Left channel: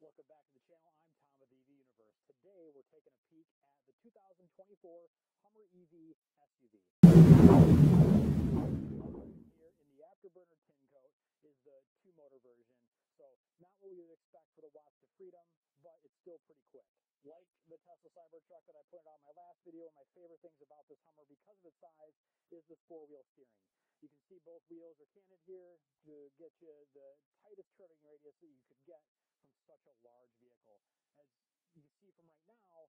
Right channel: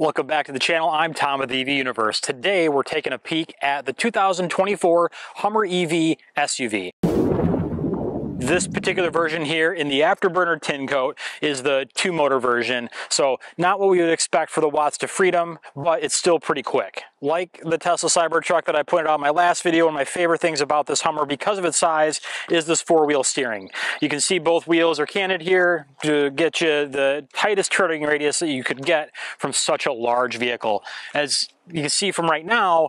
Welcome back to the channel. I'm Tom of the EV Universe. Today we're taking a peek at the 2024 Hummer EV SUV. This particular version here in the afterburner tin coat is the 2-motor version, so not what we would expect for the watts to freedom, but it's still pretty quick. Like the Tesla Cybertruck that I pointed out in my last video, one of my favorite things about this Hummer, because of its size, is this 4-wheel steering. You can see both wheels are canted here to get you the tightest turning radius that you could get from such a large vehicle. As you can see from right now,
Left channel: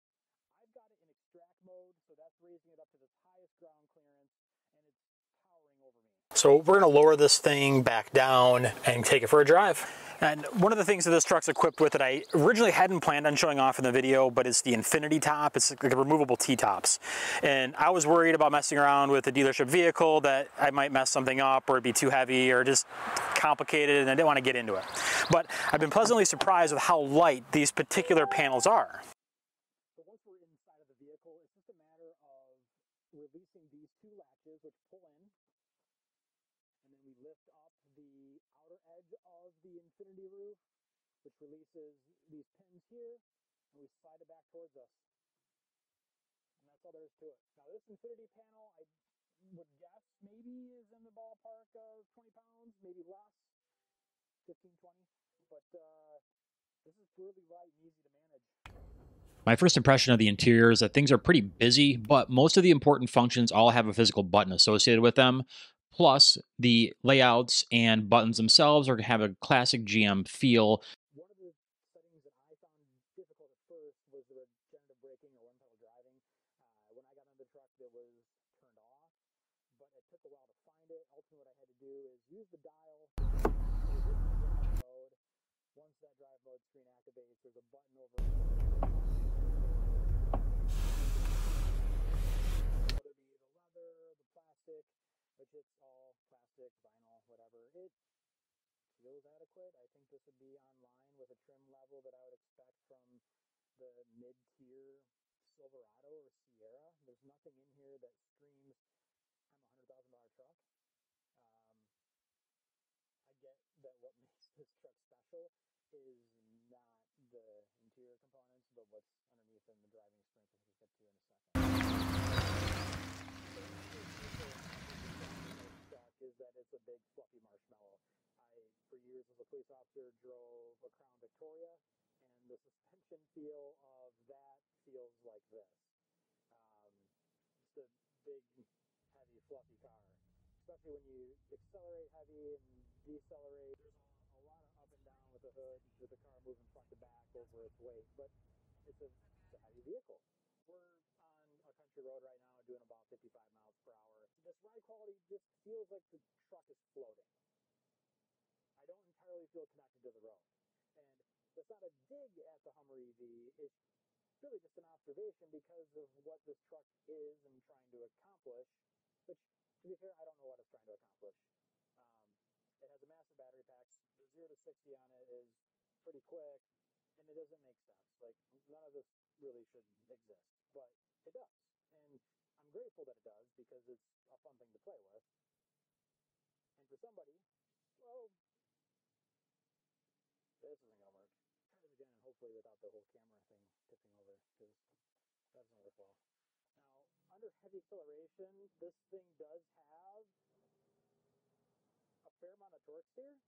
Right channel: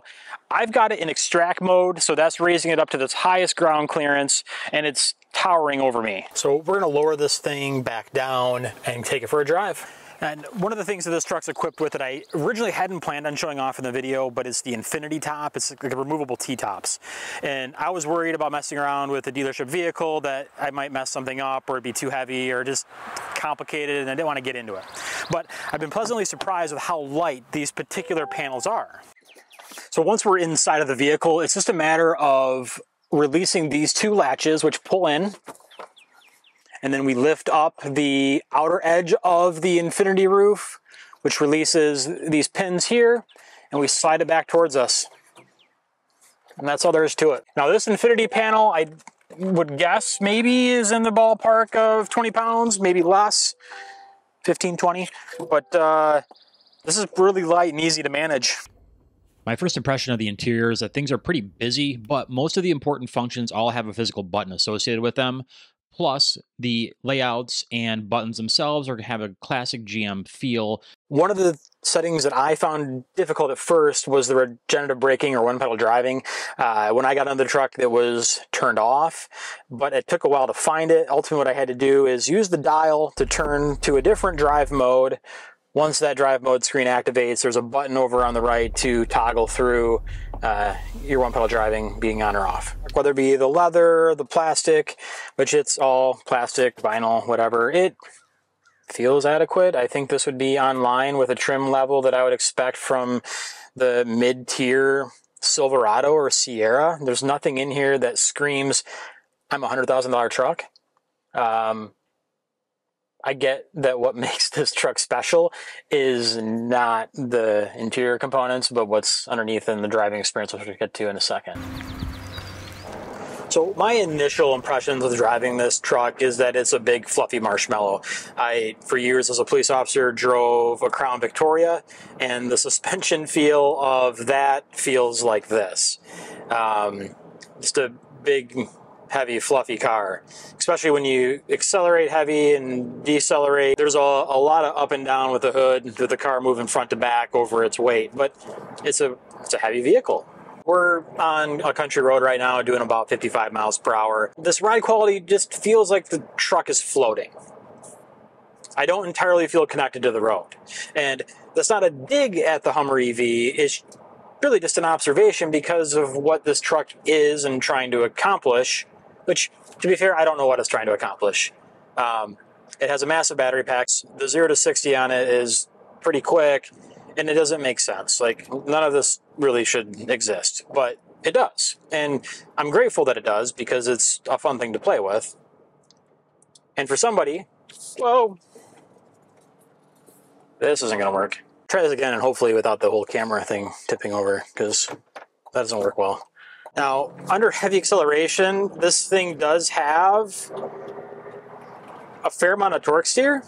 I've got it in extract mode, so that's raising it up to its highest ground clearance, and it's towering over me. So we're gonna lower this thing back down and take it for a drive. And one of the things that this truck's equipped with that I originally hadn't planned on showing off in the video, but it's the infinity top. It's like a removable T-tops. And I was worried about messing around with a dealership vehicle that I might mess something up or it'd be too heavy or just complicated, and I didn't want to get into it. But I've been pleasantly surprised with how light these particular panels are. So once we're inside of the vehicle, it's just a matter of releasing these two latches, which pull in, and then we lift up the outer edge of the infinity roof, which releases these pins here, and we slide it back towards us. And that's all there is to it. Now this infinity panel, I would guess maybe is in the ballpark of 20 pounds, maybe less, 15, 20. But this is really light and easy to manage. My first impression of the interior is that things are pretty busy, but most of the important functions all have a physical button associated with them. Plus, the layouts and buttons themselves are going to have a classic GM feel. One of the settings that I found difficult at first was the regenerative braking or one-pedal driving. When I got into the truck, it was turned off, but it took a while to find it. Ultimately, what I had to do is use the dial to turn to a different drive mode. Once that drive mode screen activates, there's a button over on the right to toggle through your one-pedal driving being on or off. Whether it be the leather, the plastic, which it's all plastic, vinyl, whatever, it feels adequate. I think this would be on line with a trim level that I would expect from the mid-tier Silverado or Sierra. There's nothing in here that screams, I'm a $100,000 truck. I get that what makes this truck special is not the interior components, but what's underneath in the driving experience, which we'll get to in a second. So my initial impressions of driving this truck is that it's a big fluffy marshmallow. I, for years as a police officer, drove a Crown Victoria, and the suspension feel of that feels like this. Just a big, heavy, fluffy car, especially when you accelerate heavy and decelerate. There's a lot of up and down with the hood, with the car moving front to back over its weight, but it's a heavy vehicle. We're on a country road right now doing about 55 miles per hour. This ride quality just feels like the truck is floating. I don't entirely feel connected to the road. And that's not a dig at the Hummer EV. It's really just an observation because of what this truck is and trying to accomplish, which, to be fair, I don't know what it's trying to accomplish. It has a massive battery pack. The 0 to 60 on it is pretty quick, and it doesn't make sense. Like, none of this really should exist, but it does. And I'm grateful that it does because it's a fun thing to play with. And for somebody, whoa, this isn't gonna work. Try this again, and hopefully without the whole camera thing tipping over, because that doesn't work well. Now, under heavy acceleration, this thing does have a fair amount of torque steer,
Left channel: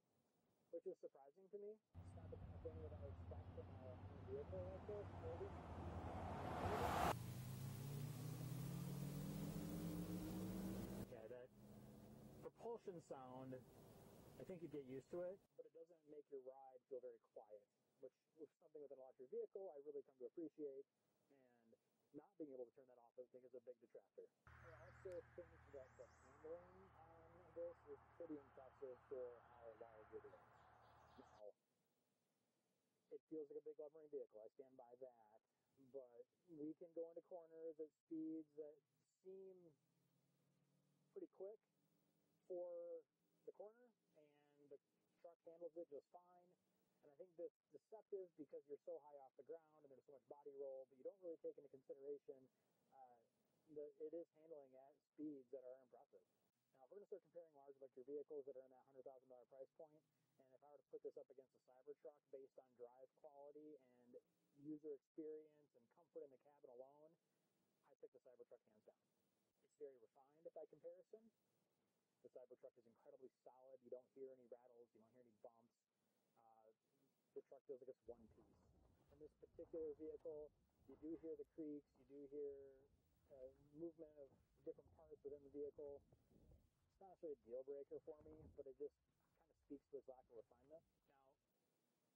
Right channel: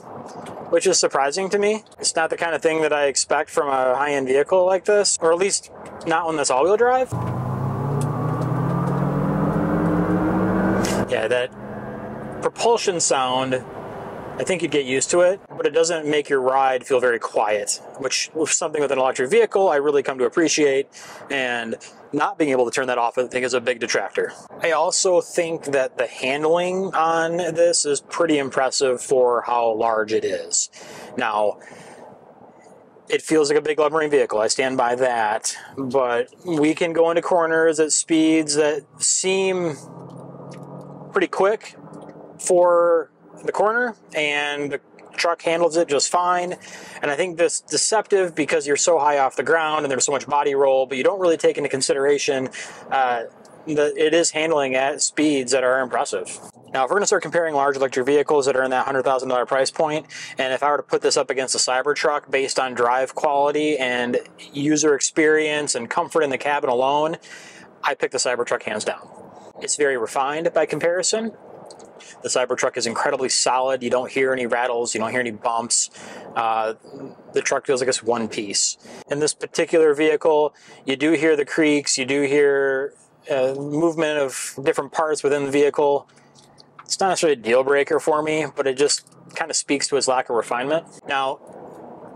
which is surprising to me. It's not the kind of thing that I expect from a high-end vehicle like this, or at least not one that's all-wheel drive. Yeah, that propulsion sound, I think you'd get used to it, but it doesn't make your ride feel very quiet, which is something with an electric vehicle I really come to appreciate, and not being able to turn that off I think is a big detractor. I also think that the handling on this is pretty impressive for how large it is. Now, it feels like a big lumbering vehicle, I stand by that, but we can go into corners at speeds that seem pretty quick for the corner, and the truck handles it just fine. And I think this is deceptive because you're so high off the ground and there's so much body roll, but you don't really take into consideration that it is handling at speeds that are impressive. Now, if we're going to start comparing large electric vehicles that are in that $100,000 price point, and if I were to put this up against a Cybertruck based on drive quality and user experience and comfort in the cabin alone, I pick the Cybertruck hands down. It's very refined by comparison. The Cybertruck is incredibly solid. You don't hear any rattles. You don't hear any bumps. The truck feels like it's one piece. In this particular vehicle, you do hear the creaks. You do hear movement of different parts within the vehicle. It's not necessarily a deal breaker for me, but it just kind of speaks to its lack of refinement. Now,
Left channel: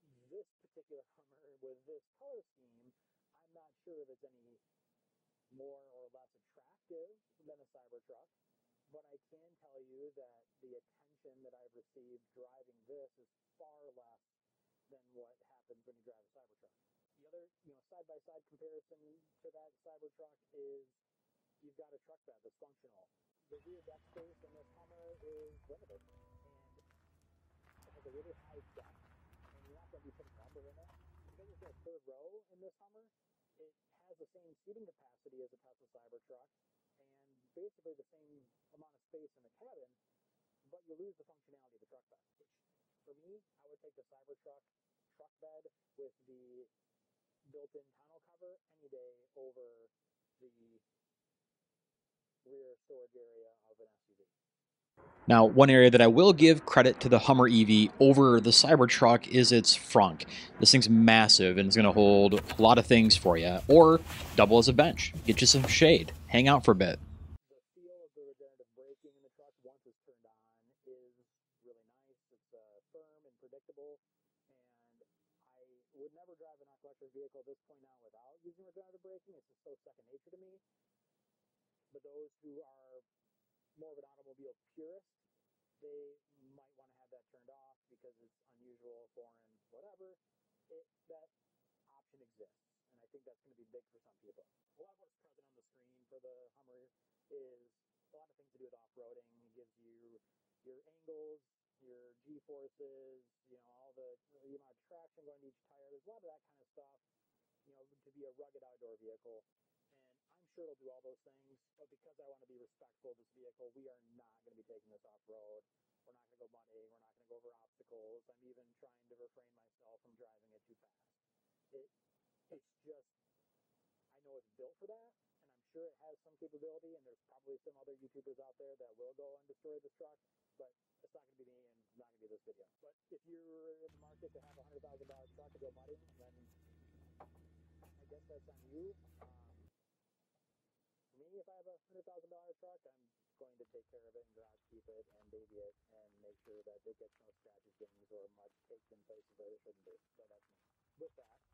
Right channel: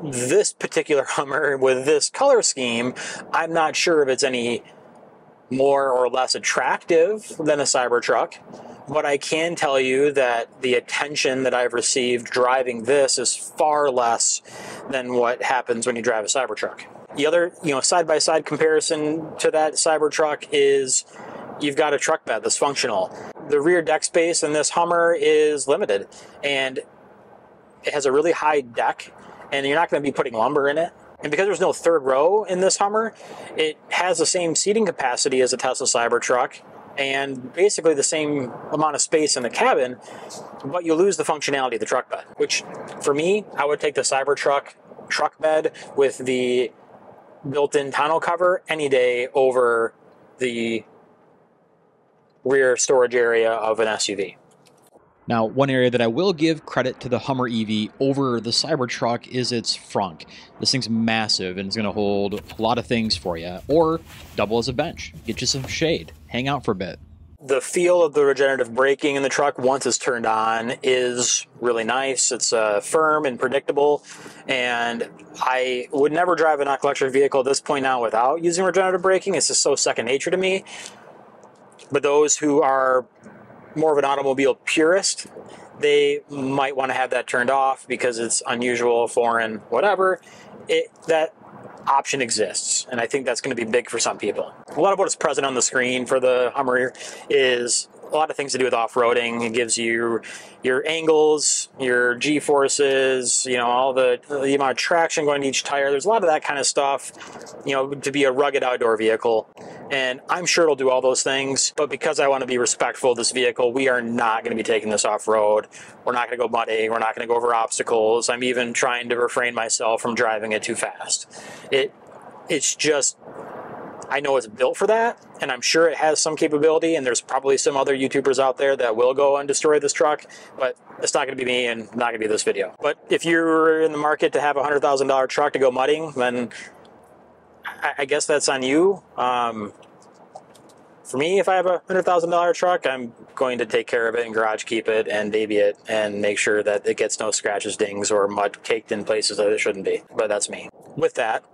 this particular Hummer with this color scheme, I'm not sure if it's any more or less attractive than a Cybertruck, but I can tell you that the attention that I've received driving this is far less than what happens when you drive a Cybertruck. The other, side-by-side comparison to that Cybertruck is you've got a truck bed that's functional. The rear deck space in this Hummer is limited, and it has a really high deck, and you're not going to be putting lumber in it. And because there's no third row in this Hummer, it has the same seating capacity as a Tesla Cybertruck and basically the same amount of space in the cabin, but you lose the functionality of the truck bed, which for me, I would take the Cybertruck truck bed with the built-in tonneau cover any day over the rear storage area of an SUV. Now, one area that I will give credit to the Hummer EV over the Cybertruck is its frunk. This thing's massive and it's going to hold a lot of things for you, or double as a bench. Get you some shade. Hang out for a bit. The feel of the regenerative braking in the truck once it's turned on is really nice. It's firm and predictable, and I would never drive an electric vehicle at this point now without using regenerative braking. It's just so second nature to me. But those who are more of an automobile purist, they might want to have that turned off because it's unusual, foreign, whatever. That option exists, and I think that's going to be big for some people. A lot of what is present on the screen for the Hummer is a lot of things to do with off-roading. It gives you your angles, your G-forces, all the amount of traction going to each tire. There's a lot of that kind of stuff, to be a rugged outdoor vehicle. And I'm sure it'll do all those things, but because I want to be respectful of this vehicle, we are not going to be taking this off-road. We're not going to go muddy. We're not going to go over obstacles. I'm even trying to refrain myself from driving it too fast. It's just, I know it's built for that, and I'm sure it has some capability, and there's probably some other YouTubers out there that will go and destroy this truck, but it's not going to be me and not going to be this video. But if you're in the market to have a $100,000 truck to go mudding, then I guess that's on you. For me, if I have a $100,000 truck, I'm going to take care of it and garage keep it and baby it and make sure that it gets no scratches, dings, or mud caked in places that it shouldn't be. But that's me. With that,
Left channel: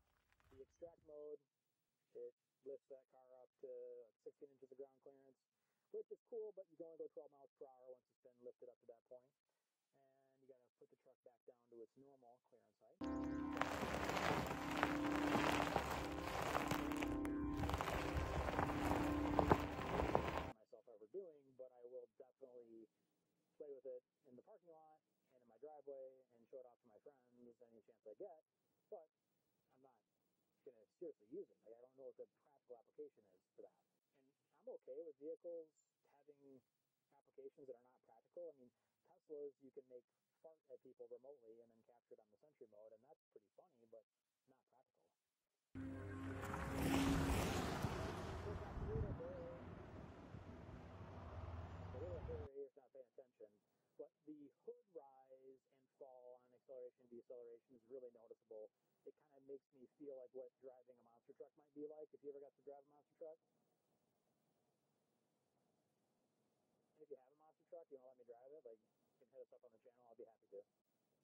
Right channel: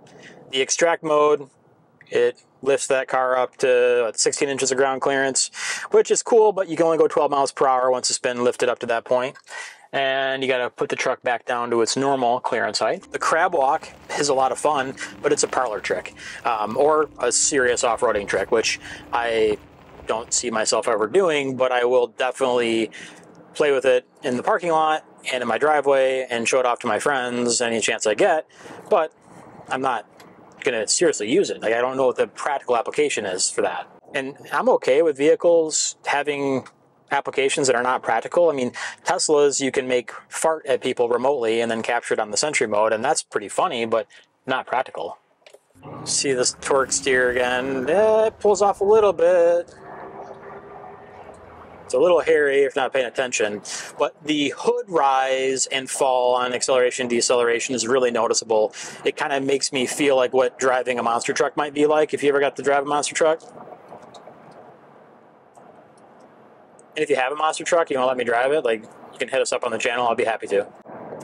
the extract mode, it lifts that car up to 16 inches of ground clearance, which is cool, but you can only go 12 miles per hour once it's been lifted up to that point. And you got to put the truck back down to its normal clearance height. The crab walk is a lot of fun, but it's a parlor trick, or a serious off-roading trick, which I don't see myself ever doing, but I will definitely play with it in the parking lot and in my driveway and show it off to my friends any chance I get, but I'm not going to seriously use it. I don't know what the practical application is for that. And I'm okay with vehicles having applications that are not practical. I mean, Teslas, you can make fart at people remotely and then capture it on the Sentry mode, and that's pretty funny, but not practical. See this torque steer again. It pulls off a little bit. It's a little hairy if not paying attention, but the hood rise and fall on acceleration, deceleration is really noticeable. It kind of makes me feel like what driving a monster truck might be like if you ever got to drive a monster truck. And if you have a monster truck, you want to let me drive it, you can hit us up on the channel. I'll be happy to.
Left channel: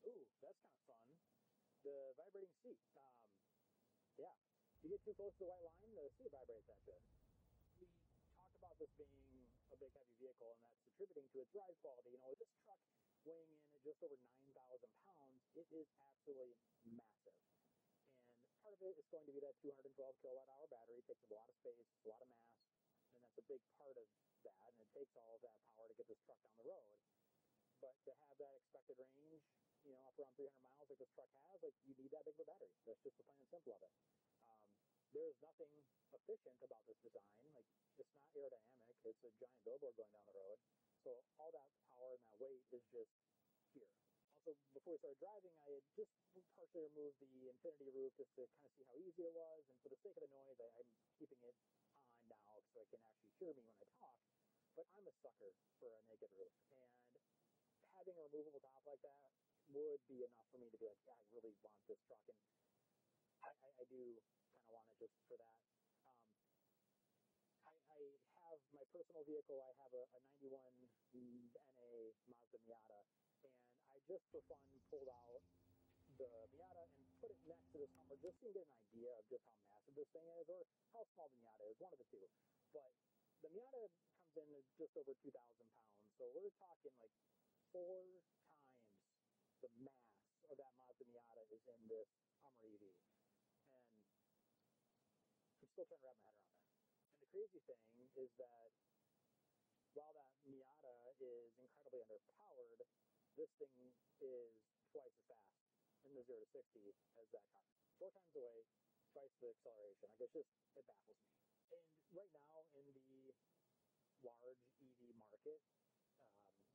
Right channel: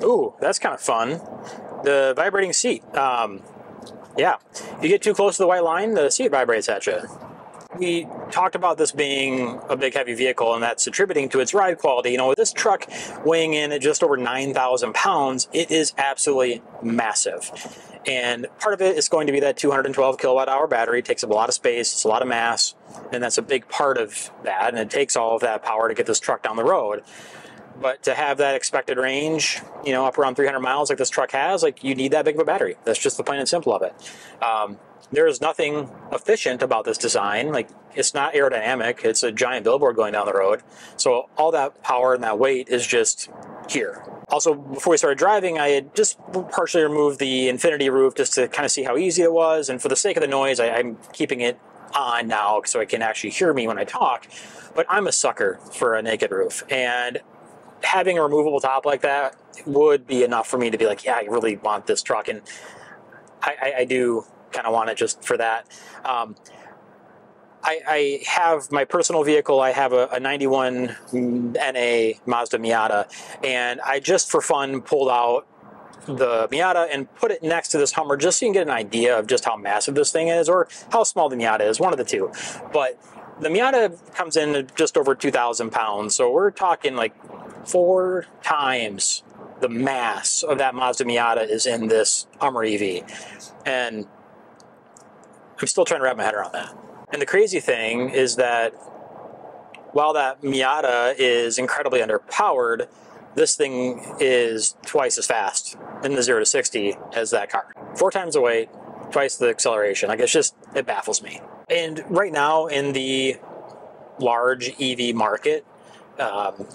Ooh, that's kind of fun. The vibrating seat. Yeah, if you get too close to the white line, the seat vibrates at you. We talked about this being a big, heavy vehicle, and that's attributing to its ride quality. With this truck weighing in at just over 9,000 pounds, it is absolutely massive. And part of it is going to be that 212 kilowatt hour battery. It takes up a lot of space, it's a lot of mass, and that's a big part of that, and it takes all of that power to get this truck down the road. But to have that expected range, you know, up around 300 miles like this truck has, like, you need that big of a battery. That's just the plain and simple of it. There is nothing efficient about this design. Like, it's not aerodynamic. It's a giant billboard going down the road. So all that power and that weight is just here. Also, before we started driving, I had just partially removed the infinity roof just to kind of see how easy it was. And for the sake of the noise, I'm keeping it on now so it can actually hear me when I talk. But I'm a sucker for a naked roof. And having a removable top like that would be enough for me to be like, yeah, I really want this truck. And I do kind of want it just for that. I have my personal vehicle. I have a 91 NA Mazda Miata, and I just for fun pulled out the Miata and put it next to this Hummer just so you can get an idea of just how massive this thing is, or how small the Miata is, one of the two. But the Miata comes in at just over 2,000 pounds, so we're talking like 4 times the mass of that Mazda Miata is in this Hummer EV. And I'm still trying to wrap my head around that. And the crazy thing is that while that Miata is incredibly underpowered, this thing is twice as fast in the 0 to 60 as that car. 4 times the weight, twice the acceleration. Like, it's just, it baffles me. And right now in the large EV market,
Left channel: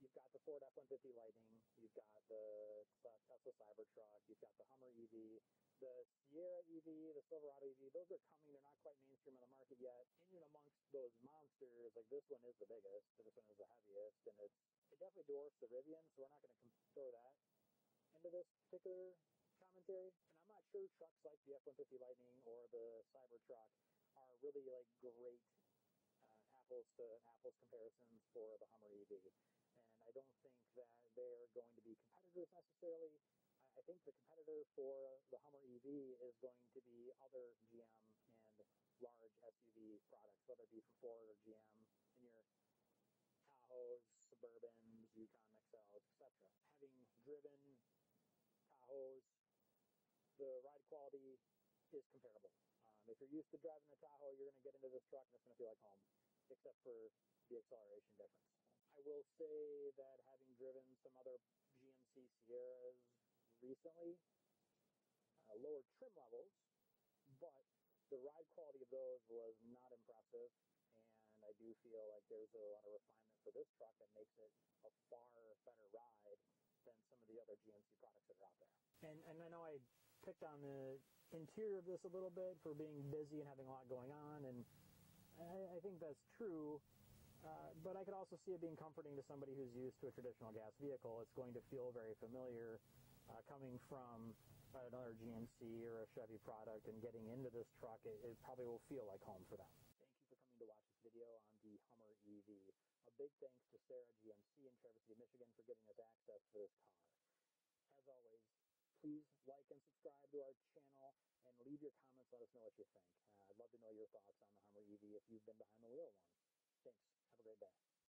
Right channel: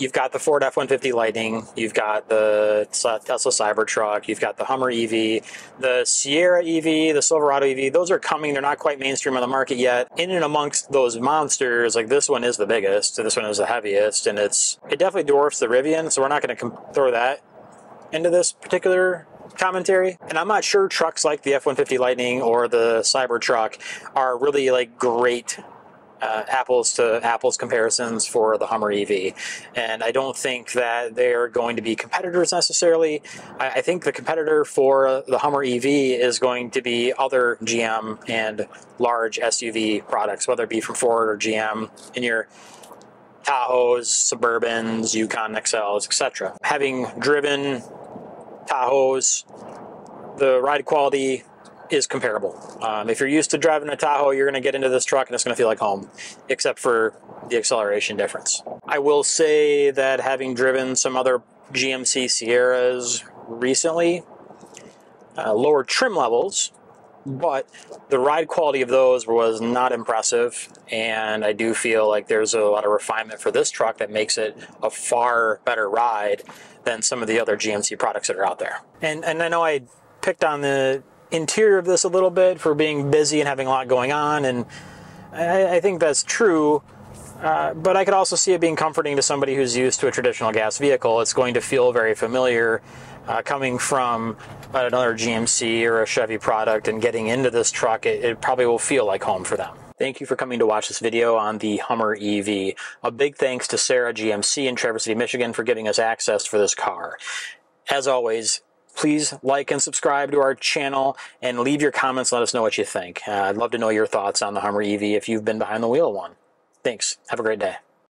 you've got the Ford F-150 Lightning, you've got the Tesla Cybertruck, you've got the Hummer EV, the Sierra EV, the Silverado EV. Those are coming. They're not quite mainstream on the market yet. In and amongst those monsters, like, this one is the biggest, this one is the heaviest, and it definitely dwarfs the Rivian, so we're not going to throw that into this particular commentary. And I'm not sure trucks like the F-150 Lightning or the Cybertruck are really like great apples to apples comparisons for the Hummer EV, and I don't think that they're going to be competitors necessarily. I think the competitor for the Hummer EV is going to be other GM and large SUV products, whether it be from Ford or GM, in your Tahoes, Suburbans, Yukon XLs, etc. Having driven Tahoes, the ride quality is comparable. If you're used to driving a Tahoe, you're going to get into this truck and it's going to feel like home, except for the acceleration difference. I will say that having driven some other GMC Sierras recently, lower trim levels, but the ride quality of those was not impressive, and I do feel like there's a lot of refinement for this truck that makes it a far better ride than some of the other GMC products that are out there. And I know I picked on the interior of this a little bit for being busy and having a lot going on, and I think that's true, but I could also see it being comforting to somebody who's used to a traditional gas vehicle. It's going to feel very familiar coming from another GMC or a Chevy product, and getting into this truck, it probably will feel like home for them. Thank you for coming to watch this video on the Hummer EV. A big thanks to Sarah GMC in Traverse City, Michigan for giving us access for this car. As always, please like and subscribe to our channel and leave your comments. Let us know what you think. I'd love to know your thoughts on the Hummer EV if you've been behind the wheel of one. Thanks. Have a great day.